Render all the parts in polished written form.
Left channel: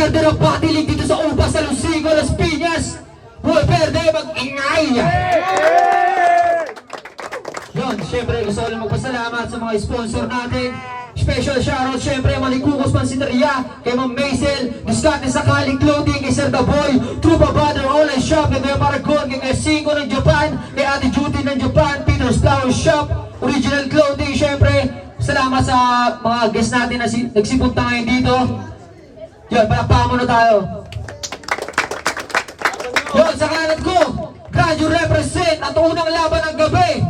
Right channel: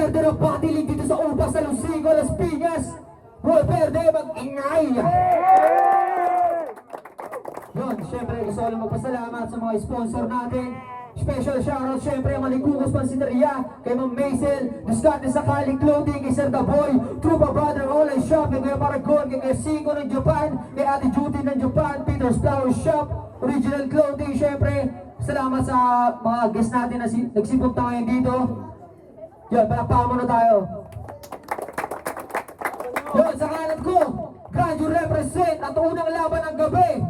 Verde ng patilig dito sa Ubas, sa Lusigo, Las Piñas. Buhay Verde, mag-ingay! Yun, syempre gusto ko lang magpasalamat sa mga sponsor natin. Special shoutout syempre Malikukos Pansiteria, kay Ma'am Maisel, Discarte Sakali Clothing, kay Sir The Boy, Trupa Brother Online Shop, kay Kuya Paragon, kay Cinco ng Japan, kay Ate Judy ng Japan, Peter's Flower Shop, Original Clothing. Syempre salamat sa mga guests natin na nagsipunta ngayon dito. Yun, palakpakan muna tayo. Yun, sa kanan ko, Grand represent at unang laban ng gabi.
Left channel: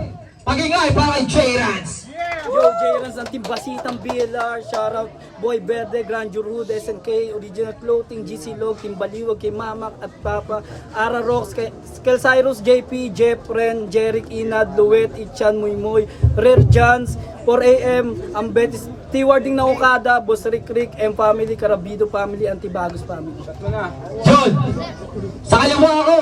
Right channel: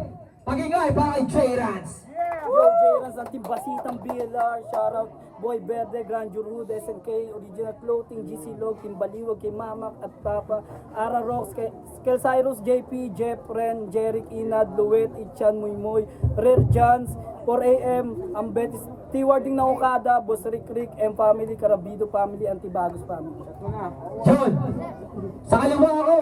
Magingay para kay J-Rans. Yo, J-Rans ng Team Basitang BLR, shoutout Boy Verde, Grand Hood, SNK, Original Clothing, GC Log, Team Baliwag, kay Mamak at Papa, Ara Rocks, kay Cyrus, JP, Jeff Ren, Jeric Inad, Luwet, Ichan, Muymoy, Rare Jans, 4AM, Ambet, Stewarding na Okada, Boss Rick Rick, M Family, Carabido Family, Antibagos Family. Yun, sa kaliwa ko,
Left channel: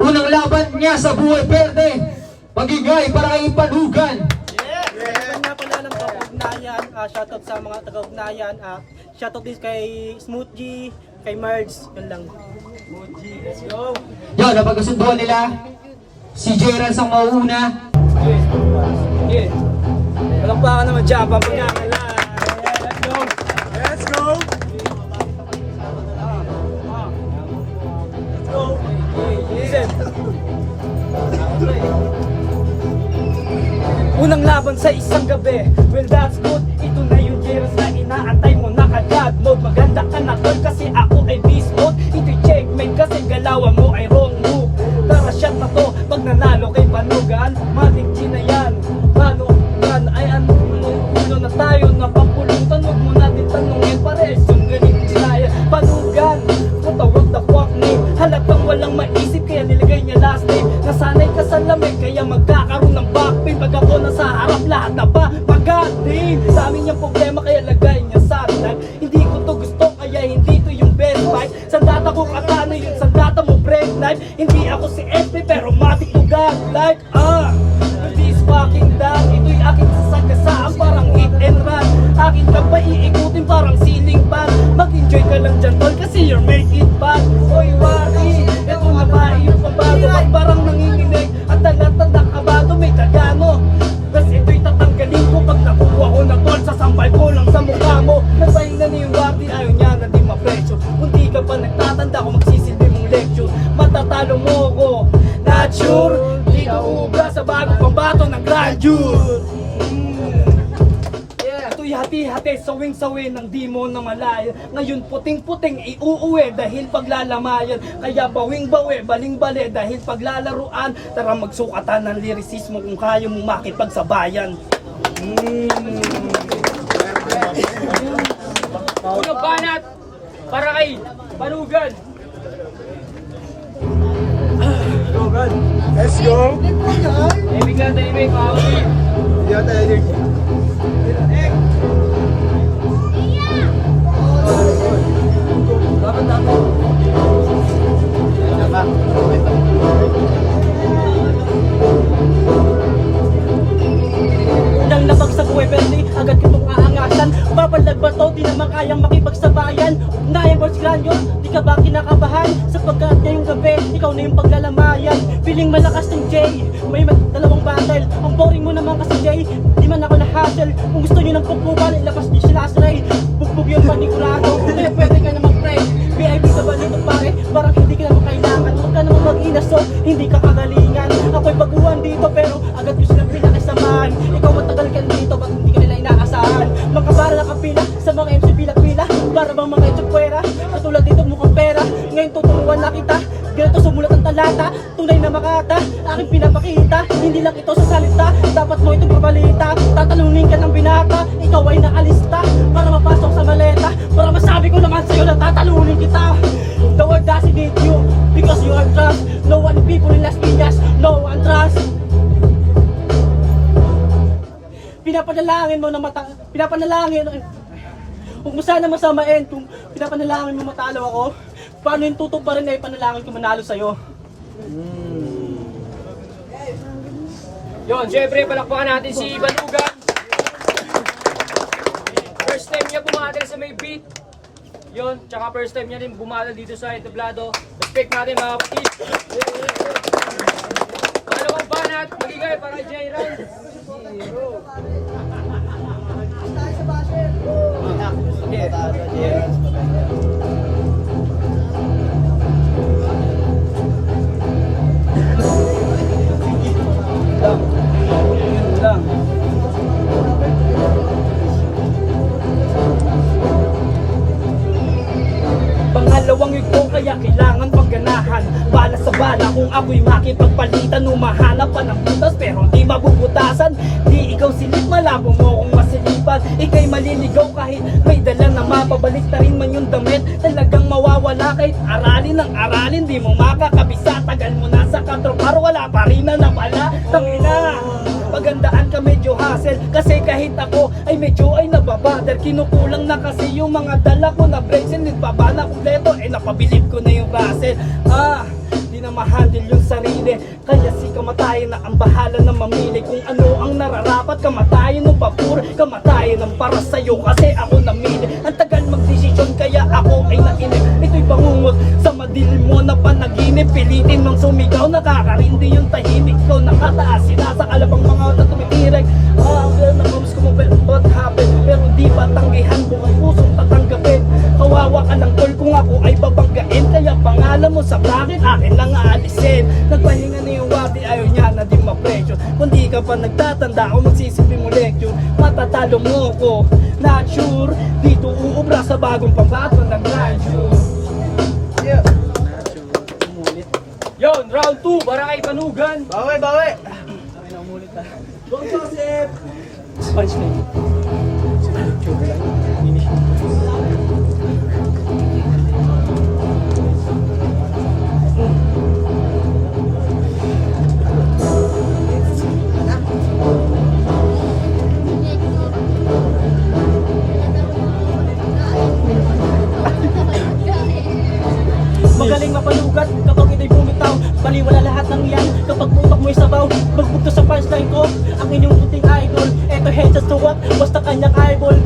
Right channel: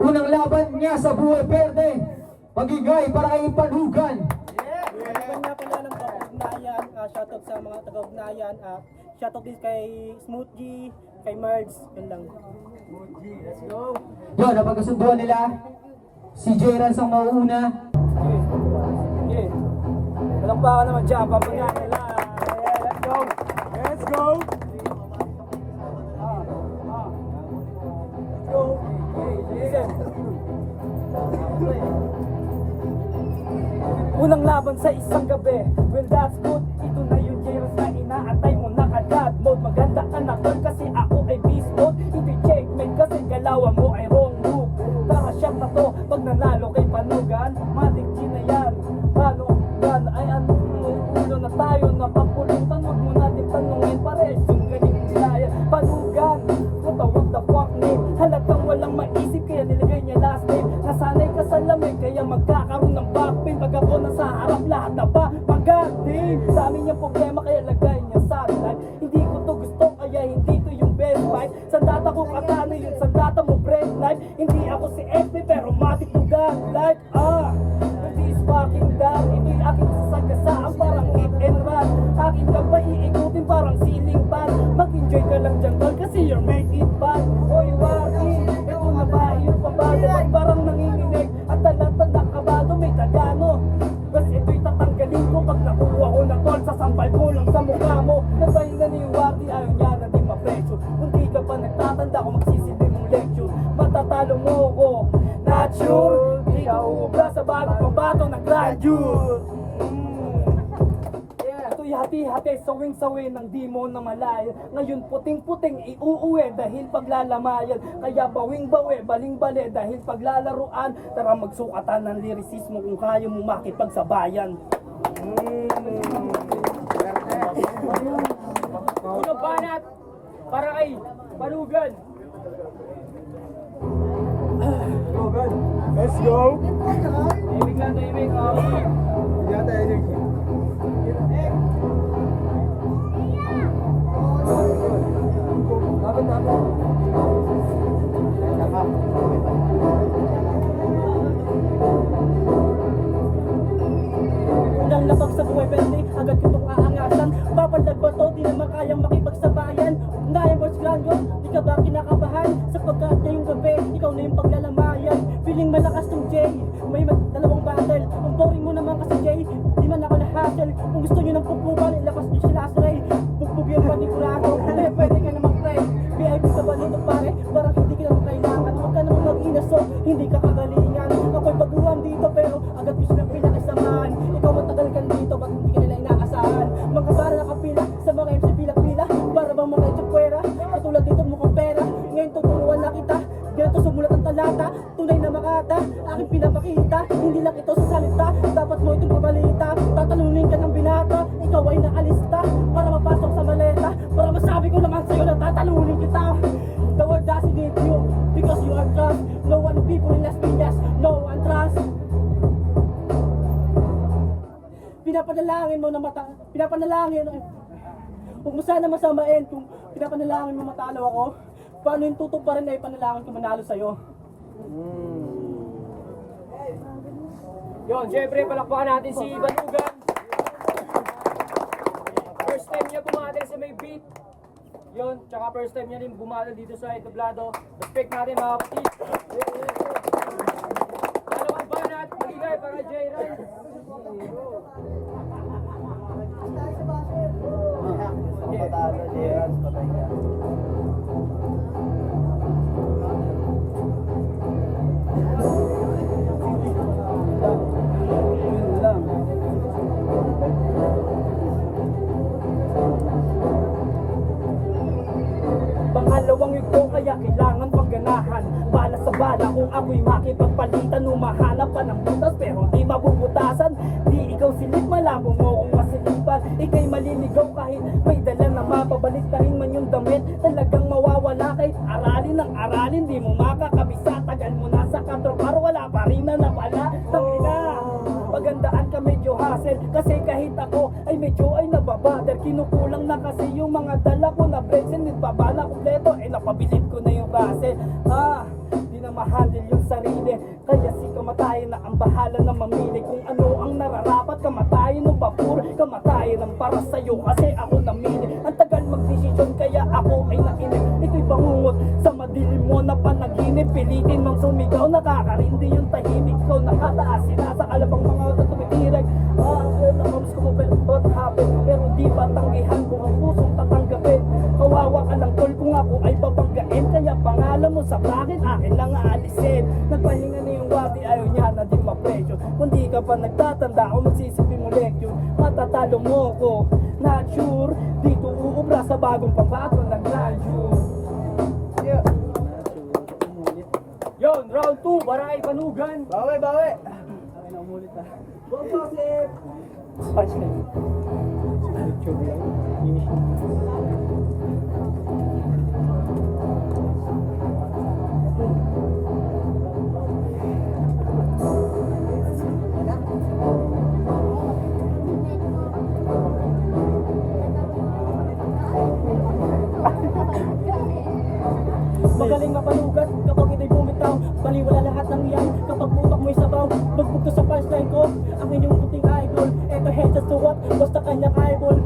unang laban niya sa Buhay Verde, magingay para kay Panugan. Meron nga pala ng taga-ugnayan, shoutout sa mga taga-ugnayan, shoutout din kay Smooth G, kay Marge, yun lang. Smooth G, let's go! Yun, napagkasunduan nila, si J-Rans ang mauuna. Okay. Walang pa ka naman dyan, pampagangan lang. Let's go! Let's go! Let's go! Listen! Unang laban sa isang gabi. Well, that's good. Ito na yung J-Rans na inaantay mo. Naka-god mode. Maganda ka na tol kasi ako ay beast mode. Ito'y checkmate kasi galawan mo ay wrong move. Tara shot na to. Pag nanalo kay Panugan, Matic G na yan. Panugan ay ano na tayo. Napapulong tanong mo natin tanongin. Pares yung galing ginaya. Panugan, what the fuck name. Halatang walang maisip kaya nilagay niya last name. Nasanay ka sa lamig kaya magkakaroon ng backpain. Pag ako nasa harap lahat na ba magating. Dami niyang problema kaya lagay niya sa atin. Hindi ko to gusto kaya hindi to yung best fight. Sandata ko katana yun, sandata mo break knife. Hindi ako si FP pero matik to God like with this fucking dad. Ito'y aking sasagasaan parang hit and run. Akin ka ba iikutin parang ceiling fan. Mag-enjoy ka lang dyan tol kasi you're make it bad. Oy wari, eto na ba yung pabago. Pag parang nanginginig at talatang kabado may tagano. Tapos ito'y tatanggalin ko pag nakuha ko ng tol. Sasampal ko lang sa mukha mo. Napahin na ni Wadi ayaw niya na di mapresyo. Kung di ka pa nagtatanda ko magsisilbi mong lecture. Matatalo mo ko, not sure. Di ka ubra sa bagong pambato ng grandeur. Ito'y hati-hati, sawing-sawi ng demon na malaya. Ngayon puting-puting iuuwi dahil paglalamayan. Kaya bawing-bawi, baling-bali dahil paglalaruan. Tara magsukatan ng lyricismo kung kaya mong makipagsabayan. Unang banat para kay Panugan. Let's go! Ibig na tayo, ibig. Yeah, tayo. Unang labag sa buhay Verde, agad kitong aangasan. Babalag ba to, di naman kayang makipagsabayan. Ugnayan Boss Granyo, di ka ba kinakabahan? Sapagkat ngayong gabi, ikaw na yung paglalamayan. Feeling malakas ng Jay, may dalawang battle. Ang boring mo naman kasi Jay, di man ako na-hassle. Kung gusto nyo ng pagpupan, ilabas nyo sila sa Ray. Bugbog yung panigurado, kaya pwede ka na mag-pray. VIP ka ba nito pare, parang hindi ka naman kailangan. Huwag ka naman mag-inaso, hindi ka kagalingan. Ako'y baguhan dito pero agad ko silang pinakisamahan. Ikaw matagal ka dito, ba't hindi ka nila inaasahan? Mga para nakapila sa mga MC pila-pila, para bang mga itsupwera. Katulad dito mukhang pera, ngayon tuturuan na kita. Ganito sumulat ang talata, tunay na makata. Aking pinapakita, hindi lang ito sa salita. Dapat mo itong pabalita, tatalunin ka ng binata. Ikaw ay naalista, para mapasok sa maleta. Para masabi ko naman sa'yo na tatalunin kita. The world doesn't need you, because you are trust. No one people in Las Piñas, no one trust. Pinapanalangin mo na huwag mo sana masamain kung pinapanalangin mo matalo ako. Paano yung tutok pa rin ay panalangin ko manalo sa'yo? Yun, syempre palakpakan natin si Balugan. First time niya bumater sa may beat. Yun, tsaka first time niya rin bumala dito sa entablado. Respect natin mga kapatid. Dalawang banat, maligay para J. Ryan. Yun lang. Pangalawang ito kaya kailangan pagganahan. Bala sa bala kung ako'y makipagpalitan, humahanap pa ng butas pero di mabubutasan. Di ikaw silip, malabo mo kung masilipan. Ika'y maliligaw kahit may dala na mapabalik na rin man yung damit. Talagang mawawala kahit aralin ng aralin, di mo makakabisa. Tagal mo na sa katropar, wala pa rin na napala. Tangina, pagandaan ka medyo hassle, kasi kahit ako ay medyo ay nababader. Kinukulang na kasi yung mga dala ko na bracelet, baba na kumpleto, eh napabilib ko na yung Russell. Di na ma-handle yung sarili, kaya si kamatayan na ang bahala na mamili kung ano ang nararapat. Kamatayan o papur, kamatayan ang para sa'yo kasi ako namili. Ang tagal magdesisyon kaya ako ay nainip. Ito'y bangungot sa madilim mo na panaginip. Pilitin mang sumigaw, nakakarindi yung tahimik ko. Nakataas, sinasakalabang mga oras tumitirek. Nakamus ko mo what happened, pero di pa tanggihan buong pusong tatanggapin. Kawawa ka ng tol kung ako ay babanggain, kaya pangalan mo sa bracket akin lang aalisin. Nagpahinga na yung wabi, ayaw niya na di ma-pressure. Kung di ka pa nagtatanda ako magsisilbi mo lecture, matatalo mo ko, not sure. Dito uubra sa bagong pambato ng grindure. Yon, round 2, Barakay Panugan. Bawi, bawi! Go Joseph! Punchline. Magaling mapalugat kapag ito'y bumitaw. Baliwala lahat ng yan kapag putok mo'y sabaw. Magbugto sa punchline ko ang inyong puting idol. Eto heads to what? Basta kanyang eyeball.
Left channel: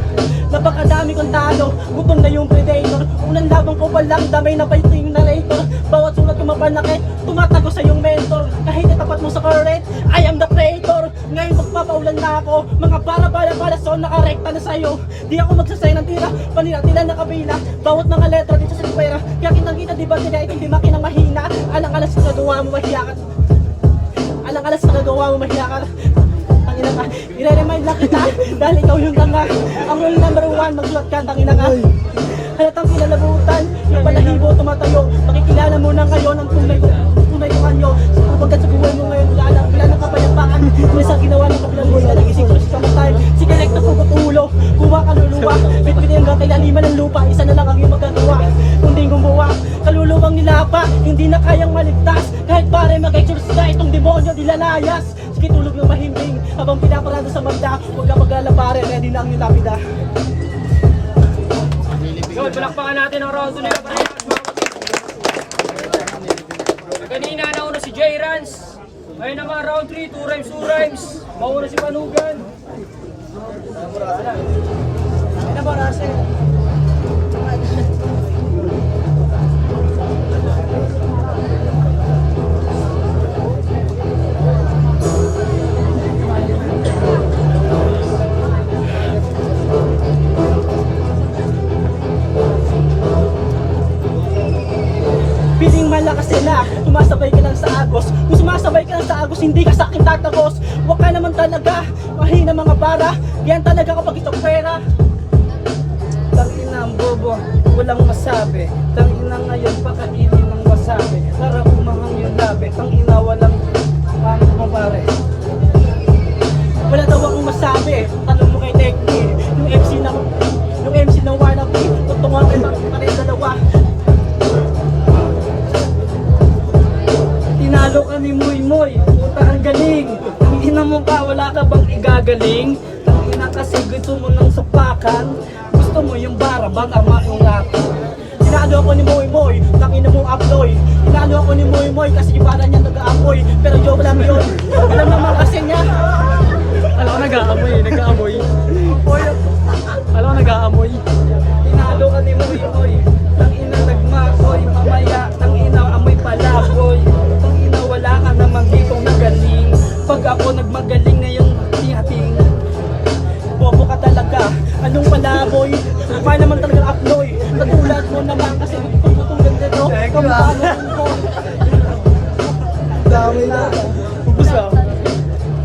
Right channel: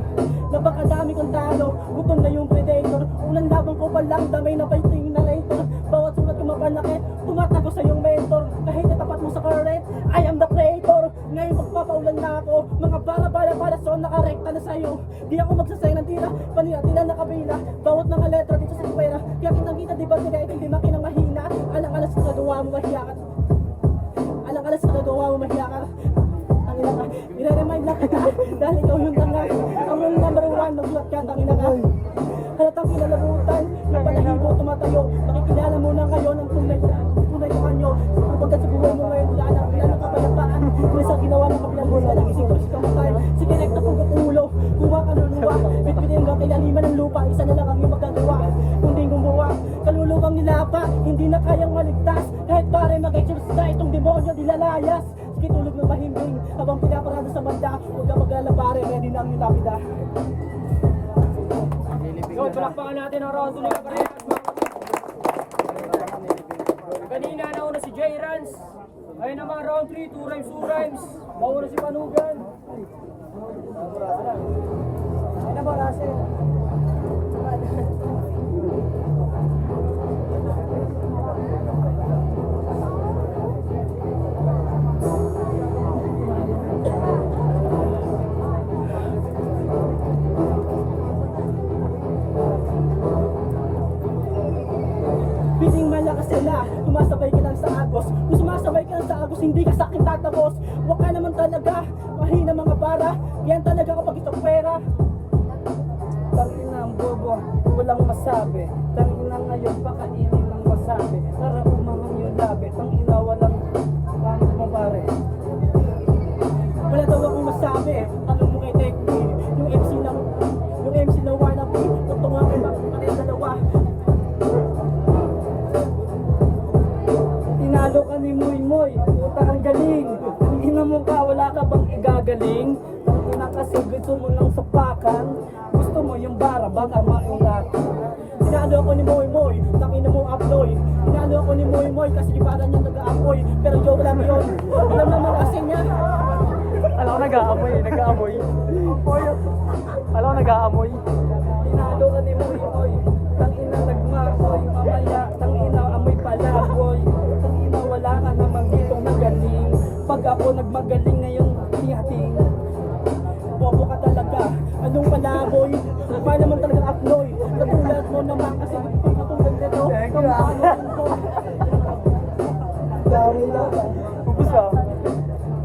Napakadami kong talo, gutom na yung predator. Unang labang ko pa lang, damay na pa ito yung narrator. Bawat sulat ko mapanakit, tumatago sa yung mentor. Kahit natapat mo sa current, I am the creator. Ngayon magpapaulan na ako, mga bala so nakarekta na sa'yo. Di ako magsasay ng tira, panira-tila na kabila. Bawat mga letra dito sa pera, kaya kitang-kita di ba nila itindi makinang mahina. Alang-alas na nagawa mo mahiya ka. Alang-alas na nagawa mo mahiya ka. Tangina ka, i-remind lang kita dahil ikaw yung tanga. Ang rule number 1, magsulat ka, tangina ka. Halatang kinalabutan, yung balahibo tumatayo. Makikilala mo na ngayon ang tunay ko kanyo. Kapagkat sa buhay mo ngayon, wala na kapayapaan. May sa ginawa ng kapilang nila, nagising ko si kamatayan. Sige, rekta pugot ulo, kuha kaluluwa. Bitbit yung gatay laliman ng lupa, isa na lang ang iyong magagawa. Kung di gumawa, kaluluwang nilapa, hindi na kayang maligtas. Kahit pare mag-exorcise itong demonyo, dilalayas. Sige, tulog ng mahimbing, habang pinaparada sa magda. Huwag ka mag-alala pare, ready na ang iyong lapida. Yun, palakpakan natin ang round 2 nila. Kanina nauna si J. Rans. Ayun naman round 3, 2 rhymes, 2 rhymes. Mauna si Panugan. Ano ba Russell? Piling malakas sila, sumasabay ka lang sa agos. Kung sumasabay ka lang sa agos, hindi ka sa akin tatagos. Huwag ka naman talaga, mahina mga bara. Yan talaga kapag ito pera. Tangina ang bobo, walang masabi. Tangina ngayon, pakainin ng wasabi. Para umahang yung labi, tangina walang mga pare. Wala daw akong masabi, tanong mo kay Tekni. Yung MC na wannabe, tutungan ko pa rin dalawa. Tinalo ka ni Moy Moy, puta ang galing. Tangina mo ka, wala ka bang igagaling? Tangina kasi gusto mo ng sapakan. Gusto mo yung bara, baka maingatan. Tinalo ako ni Moy Moy, tangina mo uploy. Tinalo ako ni Moy Moy kasi yung bara niya nag-aapoy. Pero joke lang yun, alam naman kasi niya. Alam ko nag-aamoy, nag-aamoy. Alam ko nag-aamoy. Tinalo ka ni Moy Moy. Anong palaboy? Kaya naman talaga aploy. Katulad mo naman kasi magtututong ganda no. Kampano mo. Dami na. Ubus ka.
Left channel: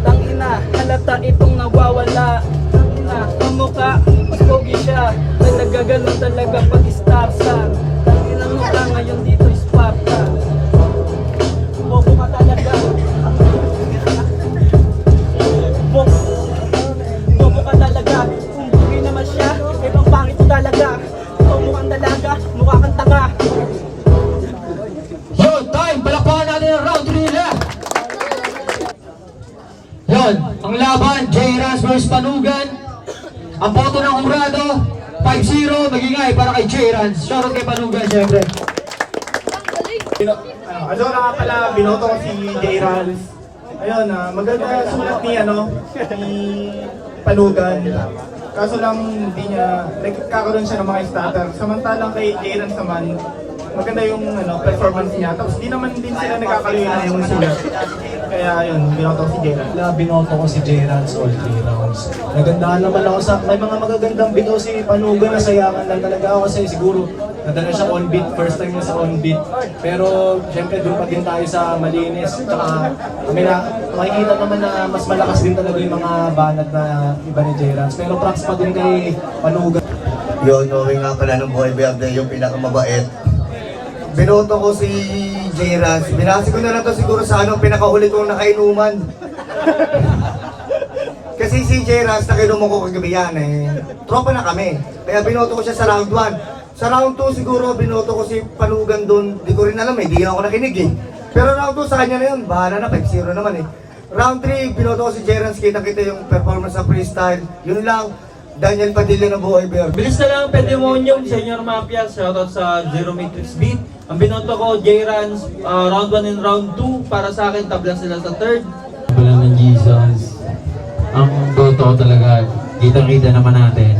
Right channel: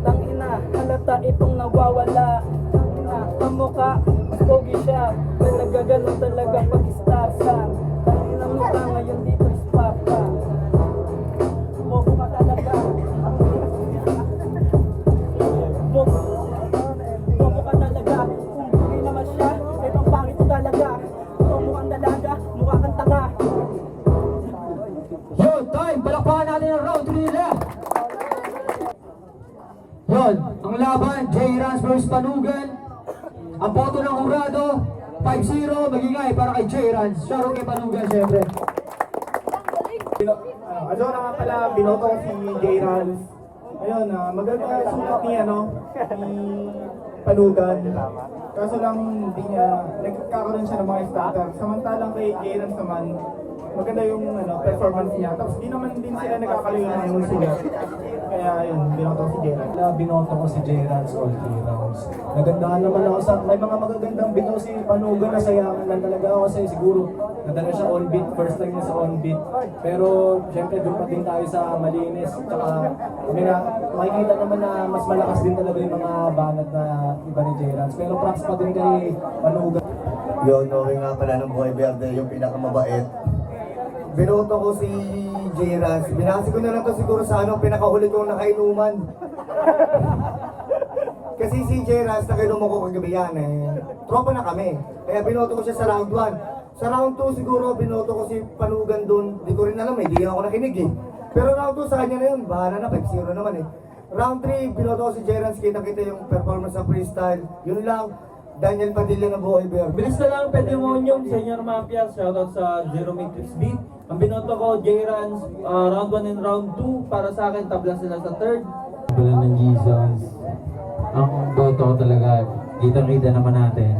Tangina, halata itong nawawala. Tangina, kamukha, mas pogi siya. Talaga ganun talaga pag star sign. Tangina mo ka ngayon dito Sparta. Bobo ka talaga. Bobo ka talaga. Kung pogi naman siya, eh pang pangit mo talaga. Ikaw mukhang dalaga, mukha kang tanga. Yun, time! Palakpakan natin ang round 3 nila! Yun, ang laban, J-Rans vs Panugan. Ang boto ng hurado, 5-0, magingay para kay J-Rans. Shoutout kay Panugan, syempre. Ano na nga pala, binoto ko si J-Rans. Ayun, maganda sulat ni, ni Panugan. Kaso lang, hindi niya, nagkakaroon siya ng mga starter. Samantalang kay J-Rans naman, maganda yung performance niya. Tapos di naman din sila nagkakaluyo na yung sulat. Kaya yun, binoto ko si J-Rans. Binoto ko si J-Rans all 3 rounds. Nagandahan naman ako sa, may mga magagandang bitaw si Panugan, nasayangan lang talaga ako kasi siguro nadala siya on beat, first time niya sa on beat. Pero syempre doon pa din tayo sa malinis. Tsaka makikita naman na mas malakas din talaga yung mga banat na iba ni J-Rans. Pero props pa din kay Panugan. Yun, okay nga pala ng Boy Verde, yung pinakamabait. Binoto ko si J-Rans. Binasi ko na lang to siguro sa pinakahuli kong nakainuman. Kasi si J-Rans, nakainuman ko kagabi yan tropa na kami. Kaya binoto ko siya sa round 1. Sa round 2 siguro, binoto ko si Panugan doon. Di ko rin alam di ako nakinig Pero round 2 sa kanya na yun, bahala na, 5-0 naman Round 3, binoto ko si J-Rans, kita-kita yung performance sa freestyle. Yun lang, Daniel Padilla ng Buhay Verde. Bilis na lang, Pedemonium, Senior Mafia, shoutout sa Zero Matrix Beat. Ang binoto ko, J-Rans, round 1 and round 2. Para sa akin, tabla sila sa third. Wala ng Jesus. Ang boto ko talaga, kitang-kita naman natin.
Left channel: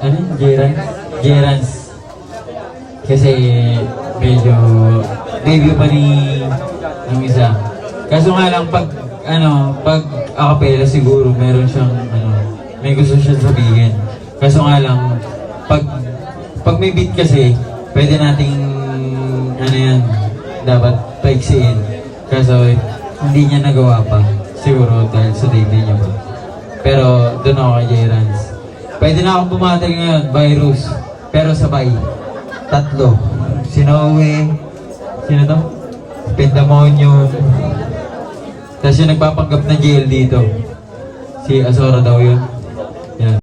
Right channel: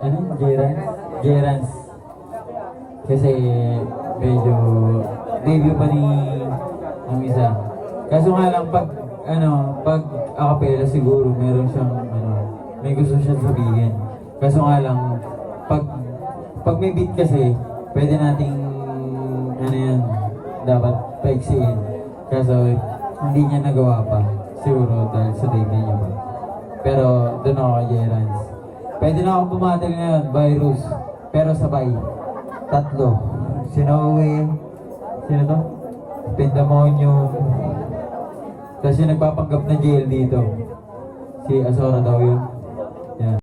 Ano yun? J-Rans? J-Rans. Kasi medyo debut pa ni ng isa. Kaso nga lang pag acapella siguro meron siyang may gusto siya sabihin. Kaso nga lang pag may beat kasi pwede nating dapat paiksiin. Kaso hindi niya nagawa pa. Siguro dahil sa debut niya pa. Pero doon ako kay J-Rans. Pwede na akong bumatil ngayon, virus. Pero sabay. 3. Sinowe. Sino to? Pandemonium. Tapos yung nagpapanggap na jail dito. Si Azora daw yun. Yan.